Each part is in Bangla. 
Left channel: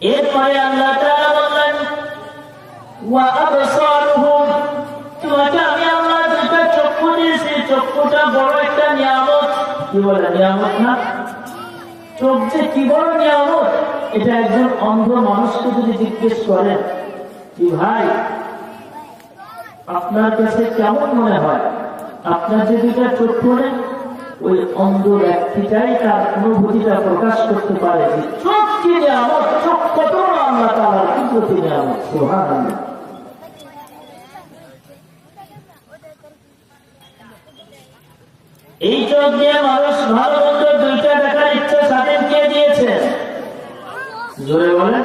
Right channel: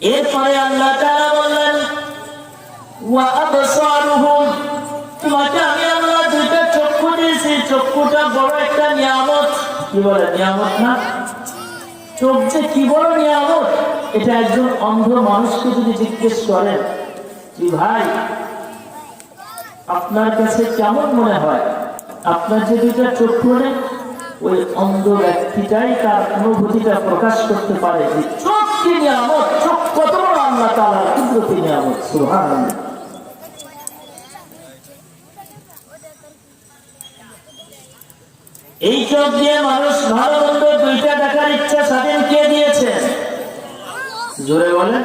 এরপরে আল্লাহ তাআলা বললেন ওয়া আবসারুহুম, তোমাকে আমি আল্লাহ দুইটা চক্ষু দিয়েছি। চক্ষুটা বড় একটা নিয়ামত। কি বলে নিয়ামত না? চোখ যে কি বড় নিয়ামত, এটা একজন অন্ধ মানুষকে যদি জিজ্ঞেস করেন কি ভাই আপনার কাছে কেমন মনে হয়, আপনার যে দুইটা চক্ষু নেই, ওই অন্ধ ব্যক্তিটাই তার অনুভূতিটা প্রকাশ করতে পারে যে চোখ কি নিয়ামত, চোখ কত বড় আল্লাহ তাআলার কুদরতি নিয়ামত। সুবহানাল্লাহ। এই চোখ দিয়ে মানুষ ভালো মন্দ দুইটা দেখার ইচ্ছা স্বাধীন কে দিয়েছে? জোরে বলেন।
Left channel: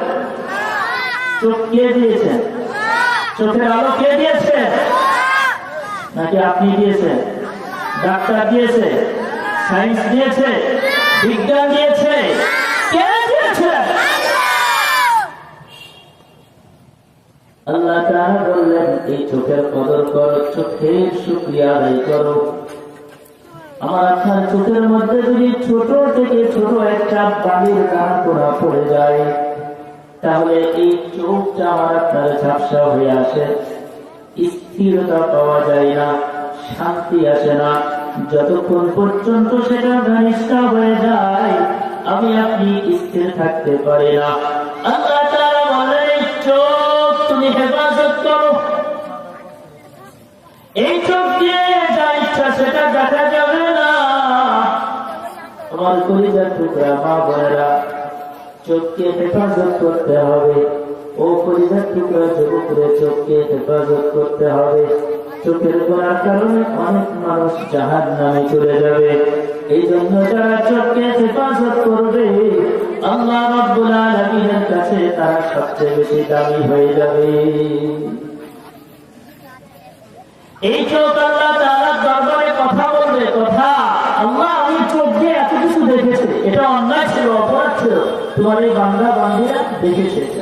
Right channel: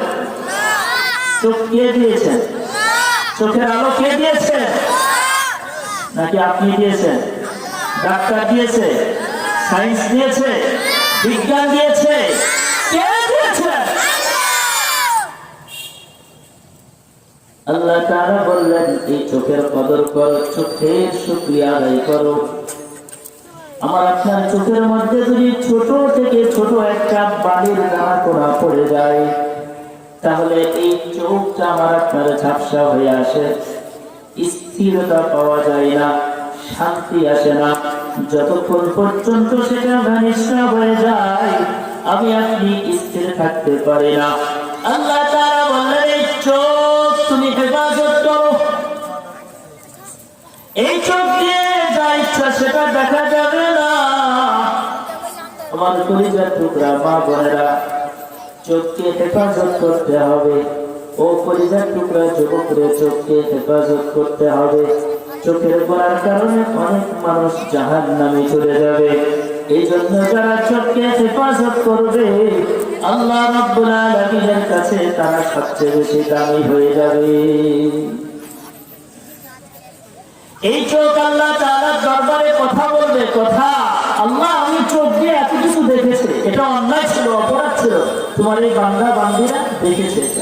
চোখ কে দিয়েছেন? চোখের আলো কে দিয়েছে? নাকি আপনি দিয়েছেন? ডাক্তার দিয়েছে? সায়েন্স দিয়েছে? বিজ্ঞান দিয়েছে? কে দিয়েছে? আল্লাহ তাআলা বললেন এই চোখের কদর করো, চোখের শুকরিয়া আদায় করো। আমার আপনার চোখের মধ্যে যদি ছোট থেকে ছোট একটা বালির দানা কোড়া পড়ে যায়, তাহলে এই চোখটা আমার আপনার ঝাপসা হয়ে আসে, স্থিরতা পাওয়া যায় না, শান্তি আসে না। যতক্ষণ পর্যন্ত সেটা ঘনিষ্ঠ হয়ে যায়, আমি আপনি স্থির থাকতে পারি না। আল্লাহ তাআলা বললেন এই চোখ তুমি হেফাজত করো। এই চোখ দিয়ে যা ইচ্ছা সেটা দেখা যাবে না। আমার কলিজার টুকরা মা বোনেরা, চোখকে হেফাজত করতে হবে। ও কলিজার টুকরা যুবকরা, চোখকে হেফাজত করতে হবে। চোখের গুনার কারণে অনেক মানুষ জাহান্নামে চলে যাবে। এই জন্য যারা চোখকে হেফাজত করবে, আল্লাহ রাব্বুল আলামিনের কাছে তারা সবচেয়ে বেশি দামি হয়ে যাবে। এই চোখ আল্লাহ তাআলার দরবারে কথা বলবে, কথা আল্লাহ আমি চোখ দিয়ে এত কিছু দেখেছি, এটা অন্যায় ছিল, অপরাধ ছিল, তোমার এই বান্দা বান্দীরা দেখেছে।